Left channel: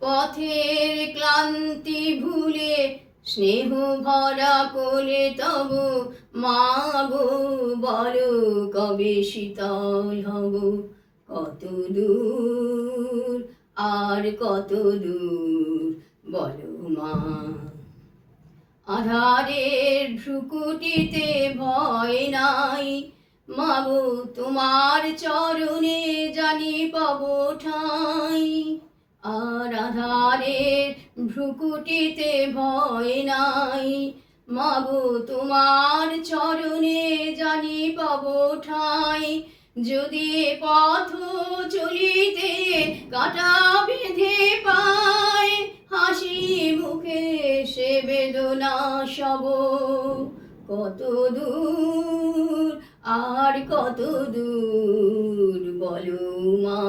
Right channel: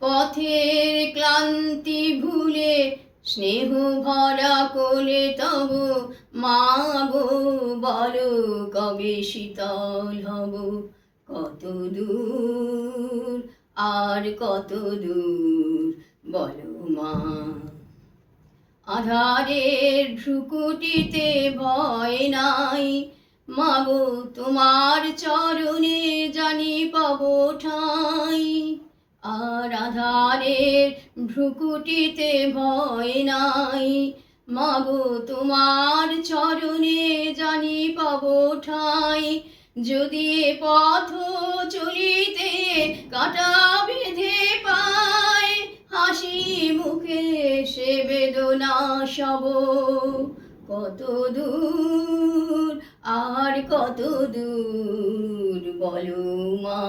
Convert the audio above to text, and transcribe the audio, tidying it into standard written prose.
পথের ক্লান্তি ভুলে স্নেহ ভরা কোলে তব মা গো বলো কবে শীতল হব, কত দূর আর কত দূর বলো মা। আধারের ভ্রুকুটিতে ভয় নাই, মাগো তোমার চরণে জানি পাব ঠাঁই। আর আধারের ভ্রুকুটিতে ভয় নাই, মাগো তোমার চরণে জানি পাব ঠাঁই। যদি পথ চলিতে কাটা বেঁধে পায়, হাসি মুখে সে বেদনা সব, কত দূর আর কত দূর বলো মা।